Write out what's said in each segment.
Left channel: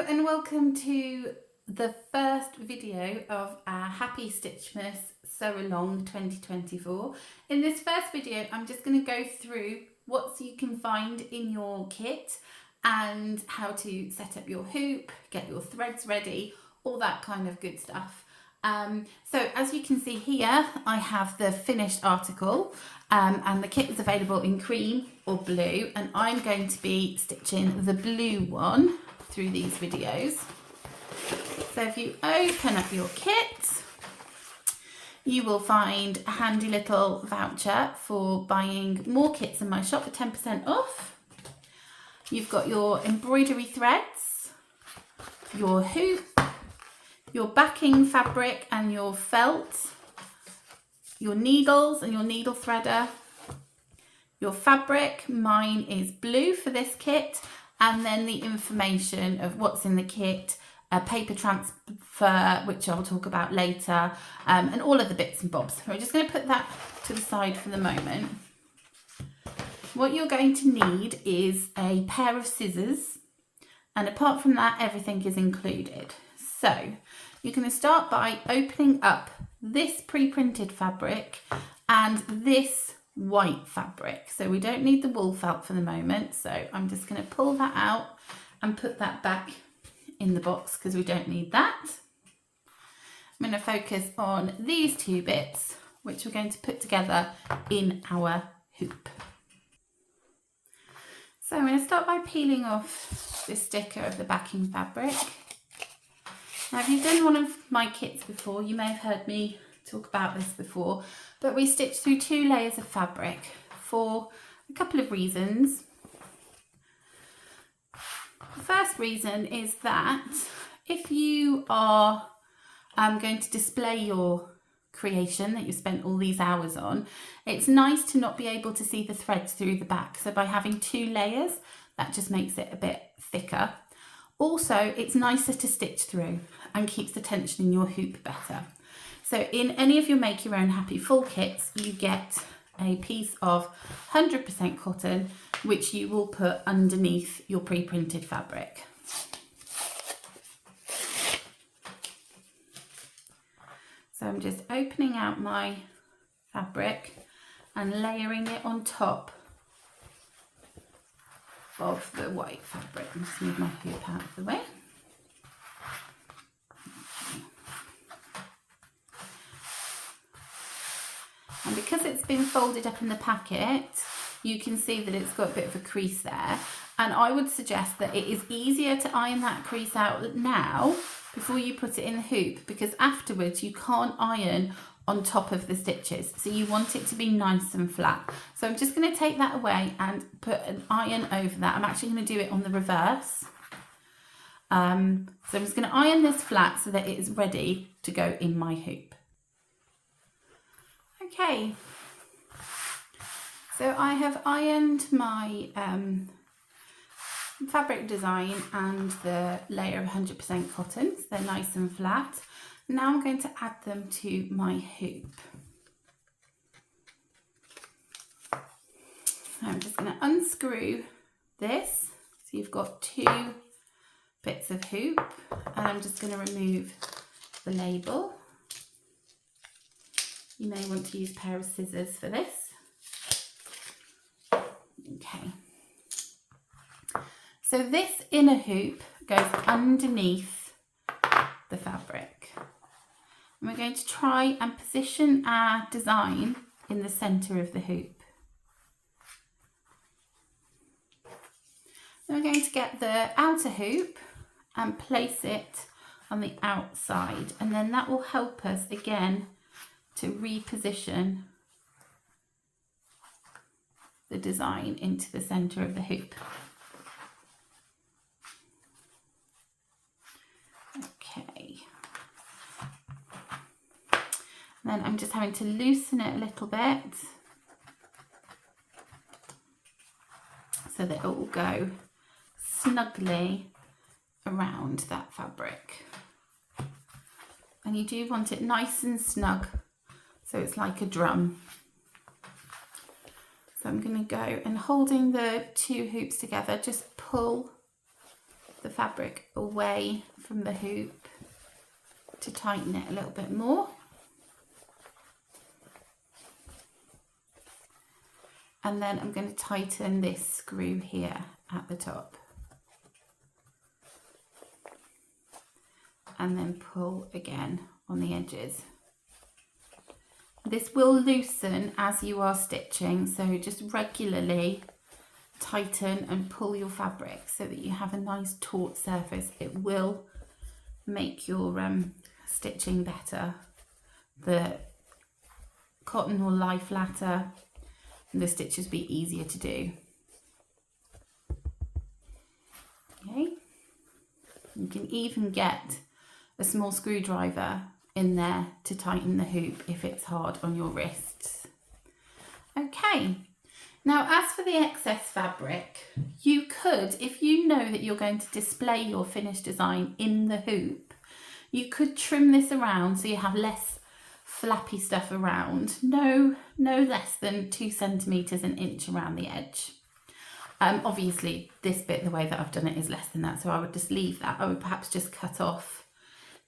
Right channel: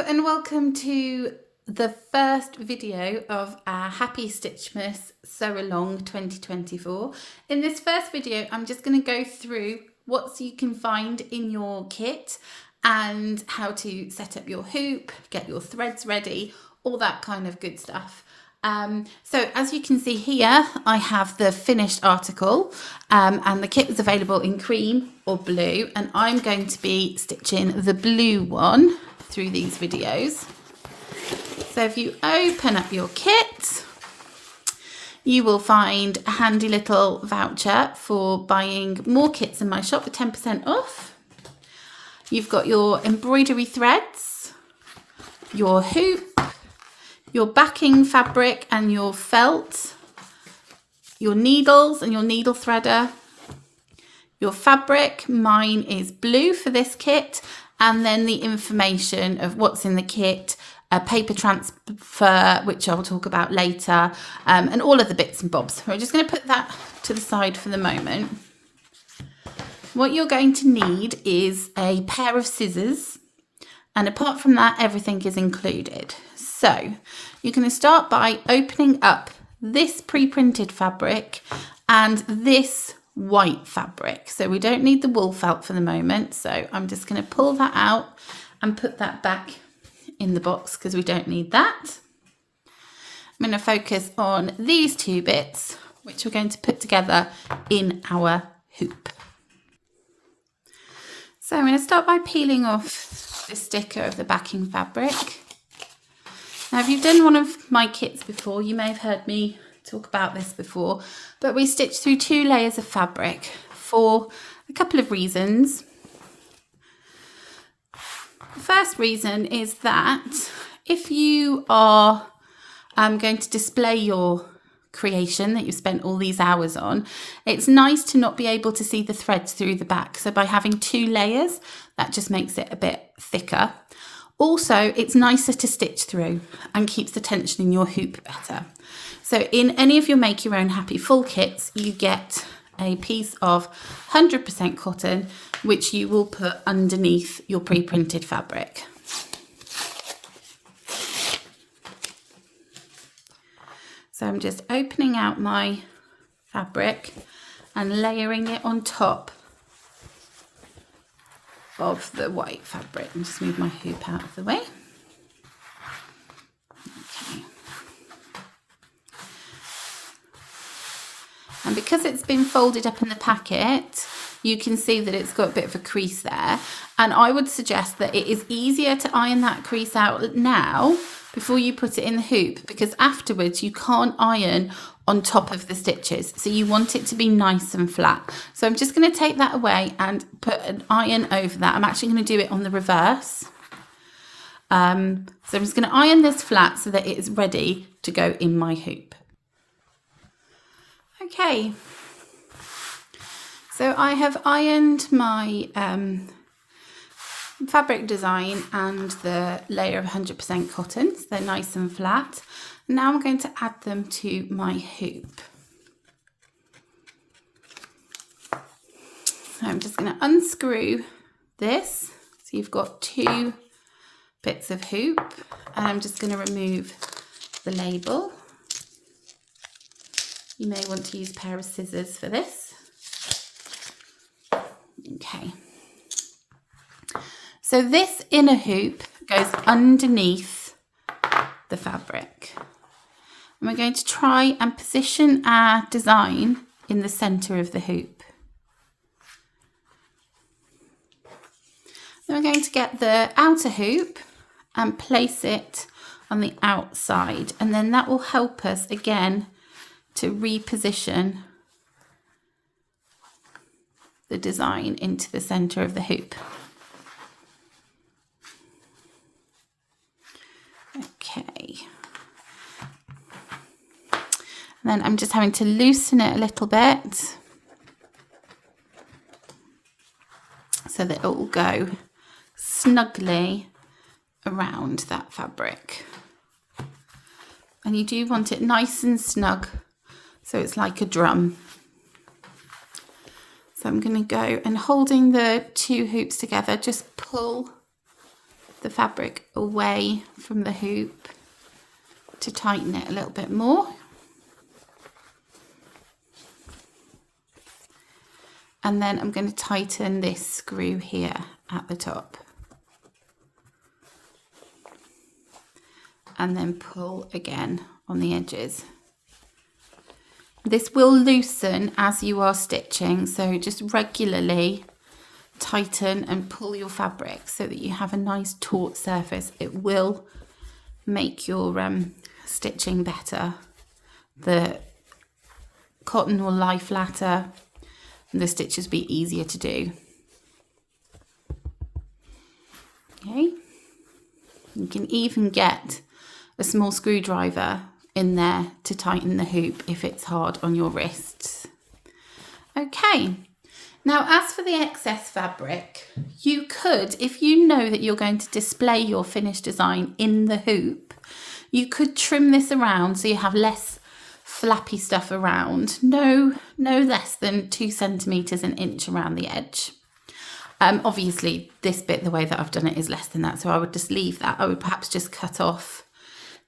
Hello and welcome to the first video of our Happy Stitchmas Sew Along 2024. In this first video, I'm just going to go through what you can find in your kit and how to set up your hoop, get your threads ready, all that kind of good stuff. So as you can see here, I have the finished article and the kit is available in cream or blue, and I'm going to be stitching the blue one through these videos. So if you open up your kit, you will find a handy little voucher for buying more kits in my shop for 10% off. You've got your embroidery threads, your hoop, your backing fabric and your felt, your needles and your needle threader, your fabric, mine is blue for this kit, and then the information of what's in the kit, a paper transfer, which I'll talk about later, and all of the bits and bobs. We're just going to put that to the side for the moment. What you're going to need is a pair of scissors, and apart from that, everything is included. So you're going to start by opening up this pre-printed fabric and this white fabric. So we don't need the wool felt for the moment. So I'm just going to pull that out and put that back in the box because we don't need that. I'm going to focus on these two bits, which we're going to put together in our hoop. So I'm going to start by peeling off the sticker of the backing fabric. Now, if you've done one of my kits before, you may have heard me talk about this before, but we stitch through 2 layers of fabric for a couple of reasons. The first reason is that if you are going to display your creation that you've spent all these hours on, it's nice to not be able to see the threads through the back. So by having 2 layers, that just makes it a bit thicker. Also, it's nicer to stitch through and keeps the tension in your hoop better. So in any of your Make Your Own Happy Full kits, you get a piece of 100% cotton, which you will put underneath your pre-printed fabric. So I'm just opening out my fabric and layering it on top of the white fabric. And just move my hoop out of the way. Okay. And because it's been folded up in the packet, you can see that it's got a bit of a crease there. And I would suggest that it is easier to iron that crease out now before you put it in the hoop, because afterwards you can't iron on top of the stitches. So you want it to be nice and flat. So I'm just going to take that away and put an iron over that. I'm actually going to do it on the reverse. So I'm just going to iron this flat so that it is ready to go in my hoop. Okay. So I have ironed my fabric design and the layer of 100% cotton, so they're nice and flat. Now I'm going to add them to my hoop. So I'm just going to unscrew this. So you've got 2 bits of hoop, and I'm just going to remove the label. You may want to use a pair of scissors for this. Okay. So this inner hoop goes underneath the fabric. And we're going to try and position our design in the centre of the hoop. Then we're going to get the outer hoop and place it on the outside, and then that will help us again to reposition the design into the centre of the hoop. Okay. And then I'm just having to loosen it a little bit so that it will go snugly around that fabric. And you do want it nice and snug, so it's like a drum. So I'm going to go and, holding the 2 hoops together, just pull the fabric away from the hoop to tighten it a little bit more. And then I'm going to tighten this screw here at the top. And then pull again on the edges. This will loosen as you are stitching, so just regularly tighten and pull your fabric so that you have a nice taut surface. It will make your stitching better. The cotton will lie flatter and the stitches be easier to do. Okay, you can even get a small screwdriver in there to tighten the hoop if it's hard on your wrists. Okay, now as for the excess fabric, you could, if you know that you're going to display your finished design in the hoop, you could trim this around so you have less flappy stuff around, no less than 2 centimeters, an inch around the edge. Obviously this bit, the way that I've done it, is less than that, so I would just leave that. I would perhaps just cut off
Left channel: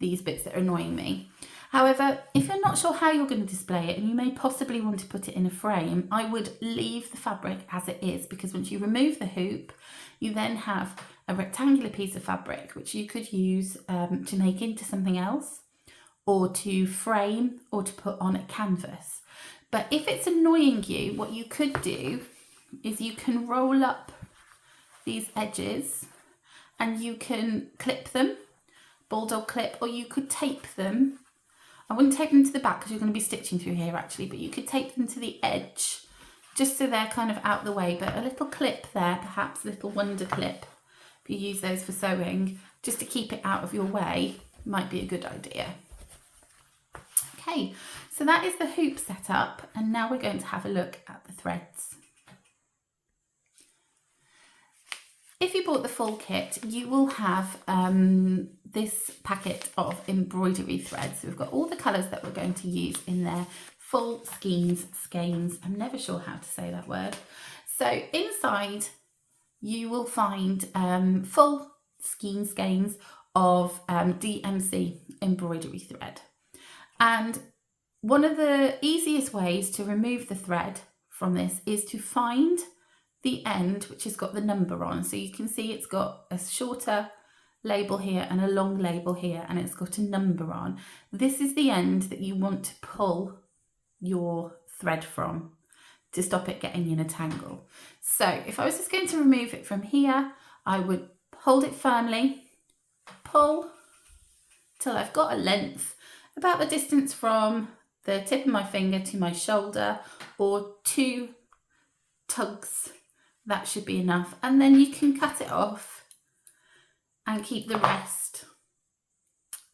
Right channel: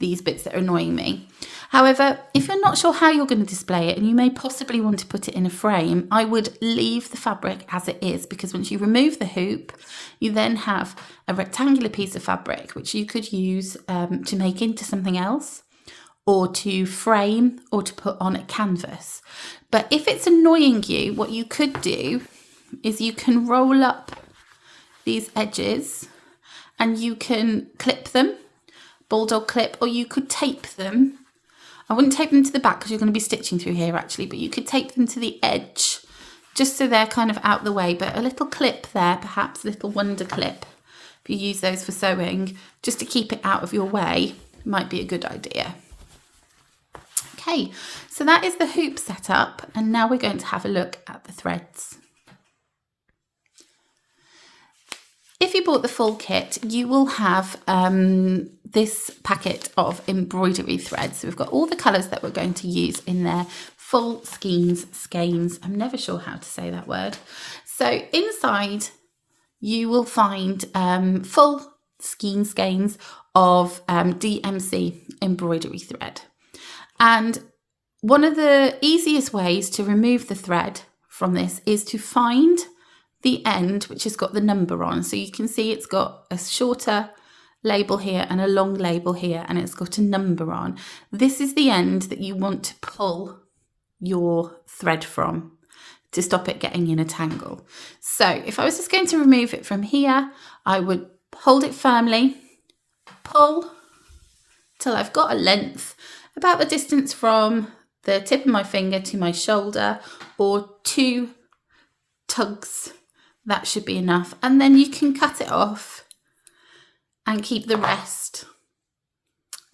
these bits that are annoying me. However, if you're not sure how you're going to display it and you may possibly want to put it in a frame, I would leave the fabric as it is, because once you remove the hoop, you then have a rectangular piece of fabric which you could use to make into something else, or to frame, or to put on a canvas. But if it's annoying you, what you could do is you can roll up these edges and you can clip them, bulldog clip, or you could tape them. I wouldn't tape them to the back because you're going to be stitching through here actually, but you could tape them to the edge just so they're kind of out the way. But a little clip there, perhaps a little wonder clip, if you use those for sewing, just to keep it out of your way, might be a good idea. Okay, so that is the hoop set up, and now we're going to have a look at the threads. If you bought the full kit, you will have this packet of embroidery threads. So we've got all the colours that we're going to use in there, full skeins. I'm never sure how to say that word. So inside you will find full skeins of DMC embroidery thread. And one of the easiest ways to remove the thread from this is to find the end which has got the number on. So you can see it's got a shorter label here and a long label here, and it's got a number on. This is the end that you want to pull your thread from to stop it getting in a tangle. So if I was just going to remove it from here, I would hold it firmly, pull till I've got a length about the distance from the tip of my finger to my shoulder, or 2 tugs. That should be enough, and then you can cut it off and keep the rest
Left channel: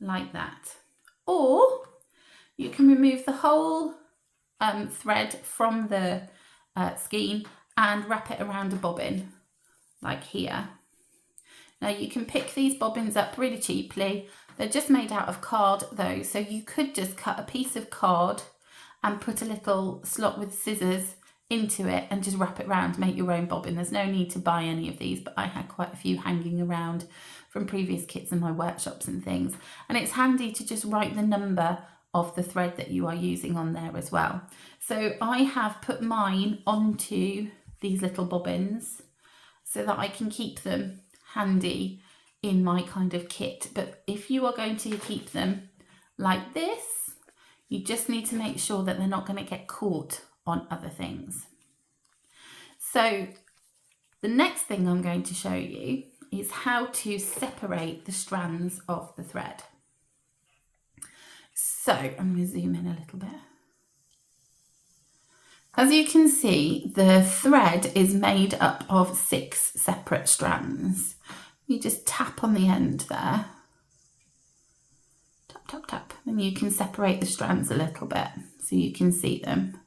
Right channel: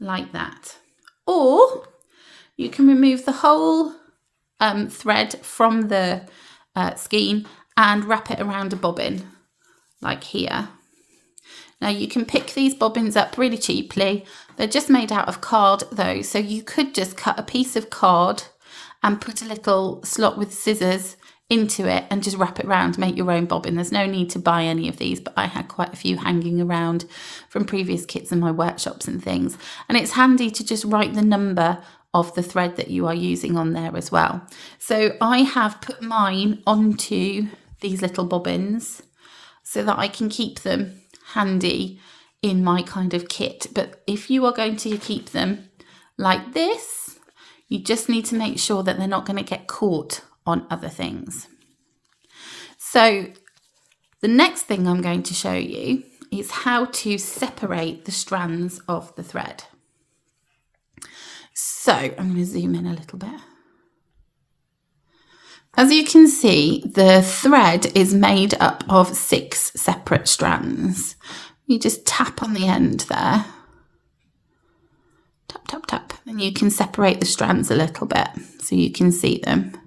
like that. Or you can remove the whole thread from the skein and wrap it around a bobbin like here. Now you can pick these bobbins up really cheaply. They're just made out of card though, so you could just cut a piece of card and put a little slot with scissors into it and just wrap it around, make your own bobbin. There's no need to buy any of these, but I had quite a few hanging around from previous kits in my workshops and things. And it's handy to just write the number of the thread that you are using on there as well. So I have put mine onto these little bobbins so that I can keep them handy in my kind of kit. But if you are going to keep them like this, you just need to make sure that they're not going to get caught on other things. So the next thing I'm going to show you is how to separate the strands of the thread. So I'm going to zoom in a little bit. As you can see, the thread is made up of 6 separate strands. You just tap on the end there. Tap, tap, tap. And you can separate the strands a little bit so you can see them.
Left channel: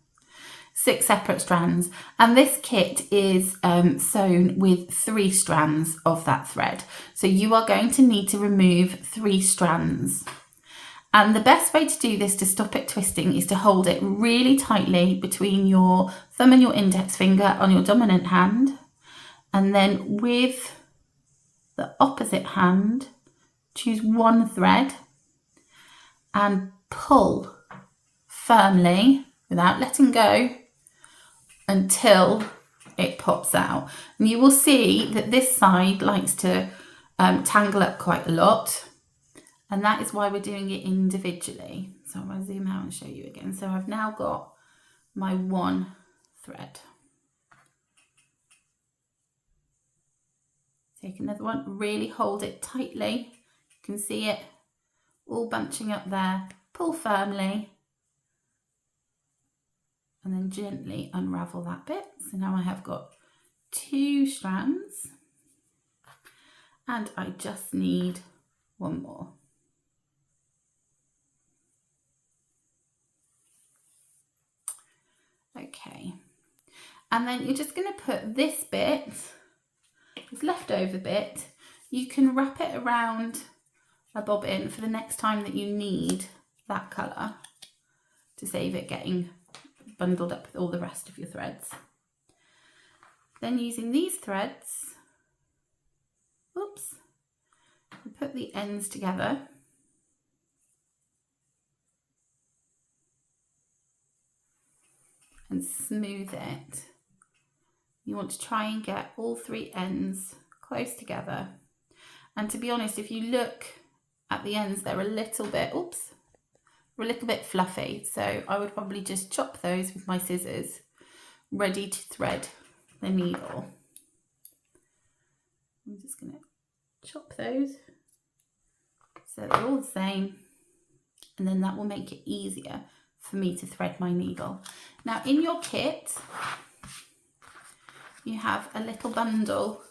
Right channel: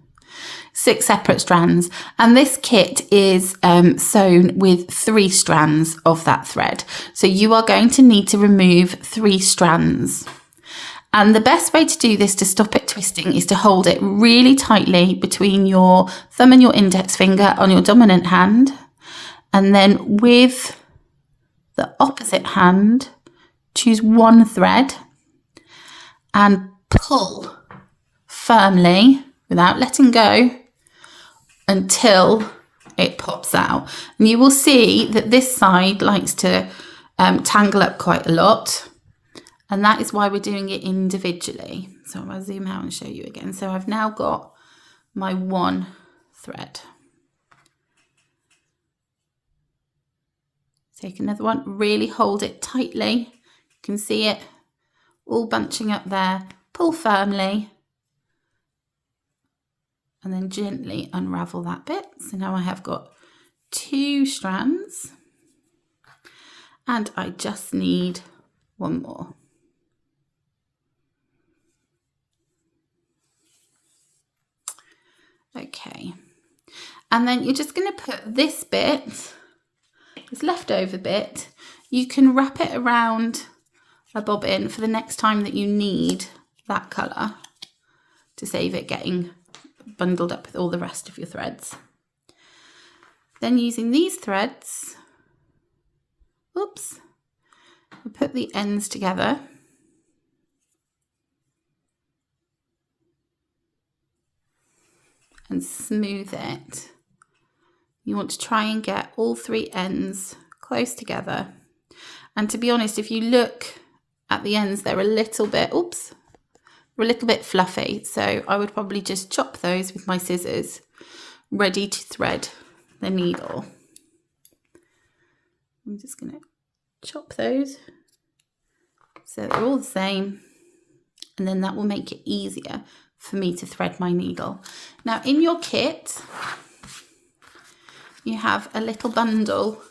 6 separate strands, and this kit is sewn with 3 strands of that thread. So you are going to need to remove 3 strands. And the best way to do this to stop it twisting is to hold it really tightly between your thumb and your index finger on your dominant hand, and then with the opposite hand, choose one thread and pull firmly without letting go until it pops out. And you will see that this side likes to tangle up quite a lot, and that is why we're doing it individually. So I'll zoom out and show you again. So I've now got my one thread. Take another one, really hold it tightly. You can see it all bunching up there. Pull firmly and then gently unravel that bit. So now I have got 2 strands and I just need one more. Okay, and then you're just going to put this bit, this leftover bit, you can wrap it around a bobbin for the next time that you need that colour to save it getting bundled up with all the rest of your threads. Then using these threads, oops, we put the ends together and smooth it. You want to try and get all 3 ends close together. And to be honest, if you look at the ends, they're a little bit, oops, they're a little bit fluffy. So I would probably just chop those with my scissors, ready to thread the needle. I'm just going to chop those so they're all the same, and then that will make it easier for me to thread my needle. Now in your kit, you have a little bundle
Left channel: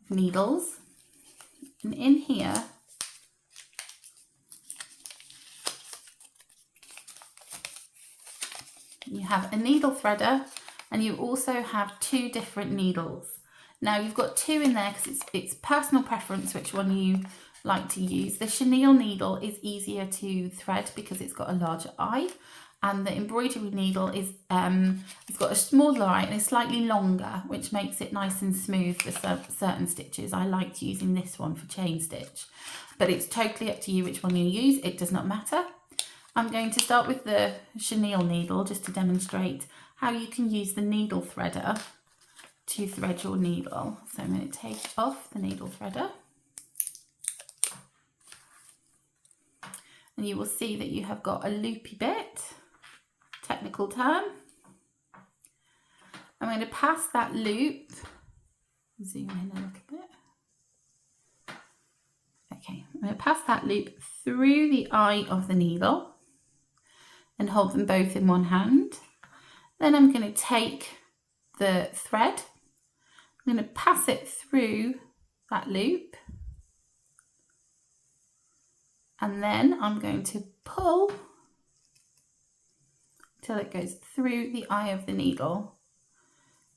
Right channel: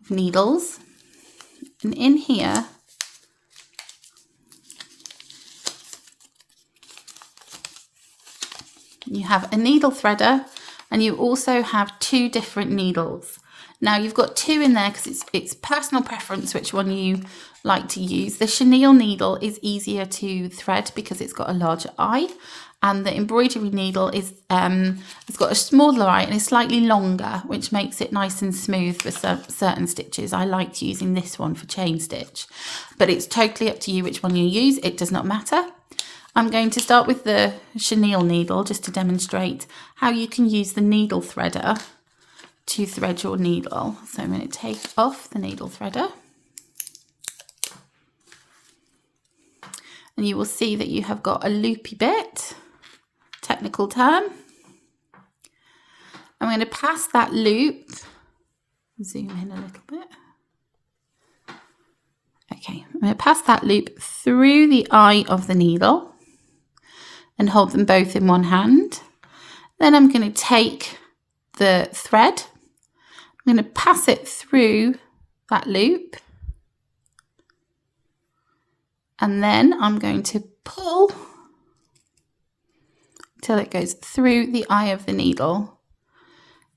of needles, and in here you have a needle threader, and you also have 2 different needles. Now you've got 2 in there because it's personal preference which one you like to use. The chenille needle is easier to thread because it's got a larger eye, and the embroidery needle is it's got a smaller eye and it's slightly longer, which makes it nice and smooth for certain stitches. I liked using this one for chain stitch, but it's totally up to you which one you use. It does not matter. I'm going to start with the chenille needle just to demonstrate how you can use the needle threader to thread your needle. So I'm going to take off the needle threader, and you will see that you have got a loopy bit, technical term. I'm going to pass that loop, zoom in a little bit. Okay, I'm going to pass that loop through the eye of the needle and hold them both in one hand. Then I'm going to take the thread, I'm going to pass it through that loop, and then I'm going to pull till it goes through the eye of the needle.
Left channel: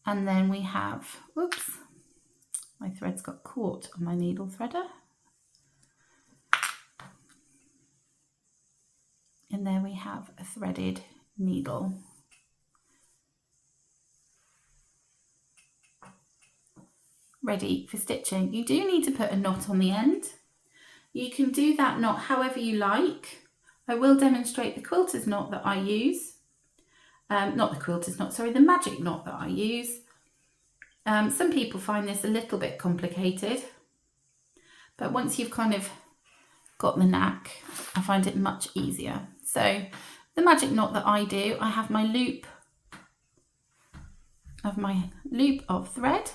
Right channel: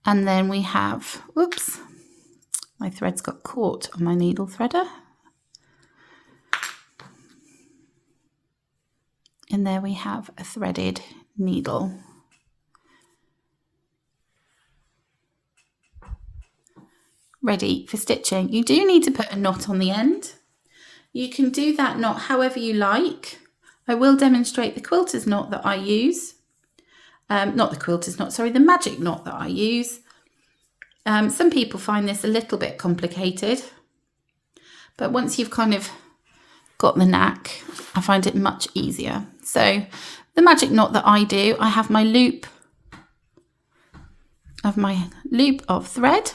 And then we have, whoops, my thread's got caught on my needle threader. And there we have a threaded needle. Ready for stitching. You do need to put a knot on the end. You can do that knot however you like. I will demonstrate the quilter's knot that I use. Not the quilter's knot, sorry, the magic knot that I use. Some people find this a little bit complicated, but once you've kind of got the knack, I find it much easier. So the magic knot that I do, I have my loop of thread,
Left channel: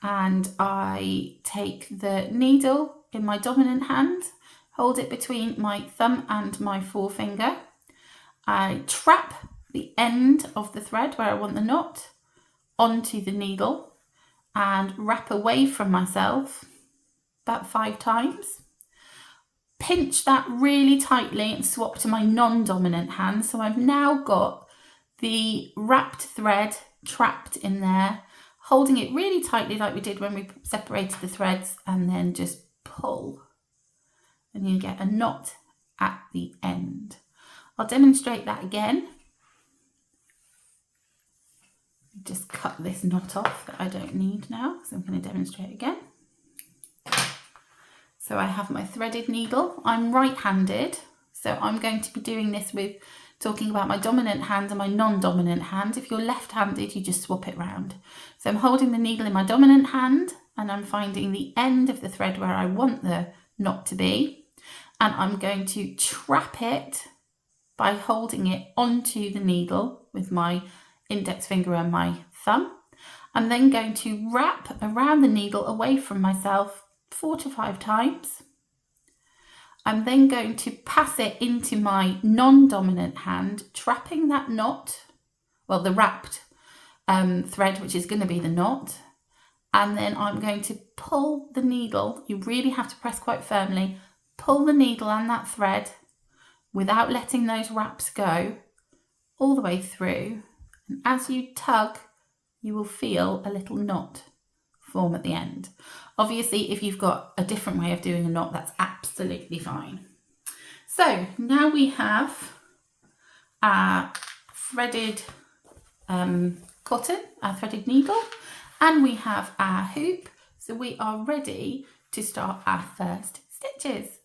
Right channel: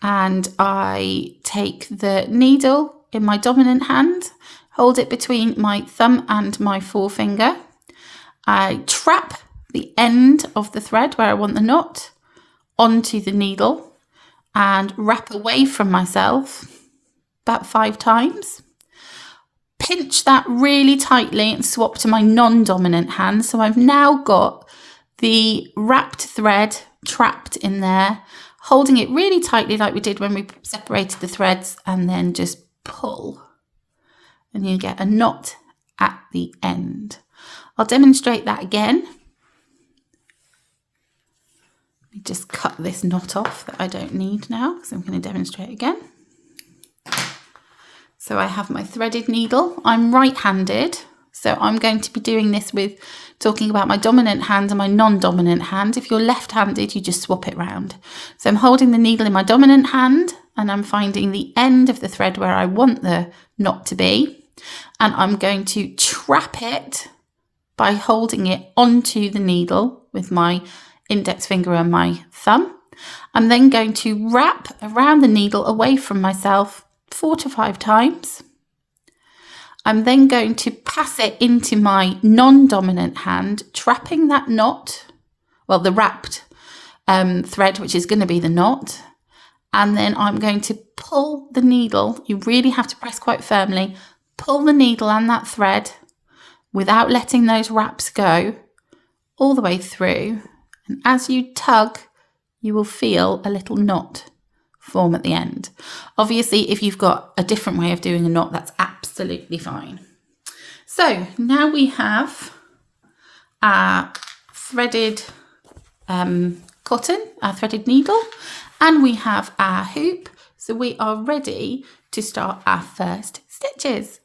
and I take the needle in my dominant hand, hold it between my thumb and my forefinger. I trap the end of the thread where I want the knot onto the needle and wrap away from myself about 5 times. Pinch that really tightly and swap to my non-dominant hand. So I've now got the wrapped thread trapped in there, holding it really tightly like we did when we separated the threads, and then just pull. And you get a knot at the end. I'll demonstrate that again. Let me just cut this knot off that I don't need now, because I'm going to demonstrate again. So I have my threaded needle. I'm right-handed, so I'm going to be doing this with talking about my dominant hand and my non-dominant hand. If you're left-handed, you just swap it round. So I'm holding the needle in my dominant hand and I'm finding the end of the thread where I want the knot to be. And I'm going to trap it by holding it onto the needle with my index finger and my thumb. I'm then going to wrap around the needle away from myself 4 to 5 times. I'm then going to pass it into my non-dominant hand, trapping that knot, well, the wrapped thread, which is going to be the knot. And then I'm going to pull the needle. You really have to press quite firmly. Pull the needle and that thread without letting those wraps go all the way through. And as you tug, you will feel a little knot form at the end. Obviously, if you've got a different way of doing a knot, that's absolutely fine. So now we have our threaded cotton, our threaded needle, and we have our hoop. So we are ready to start our first stitches.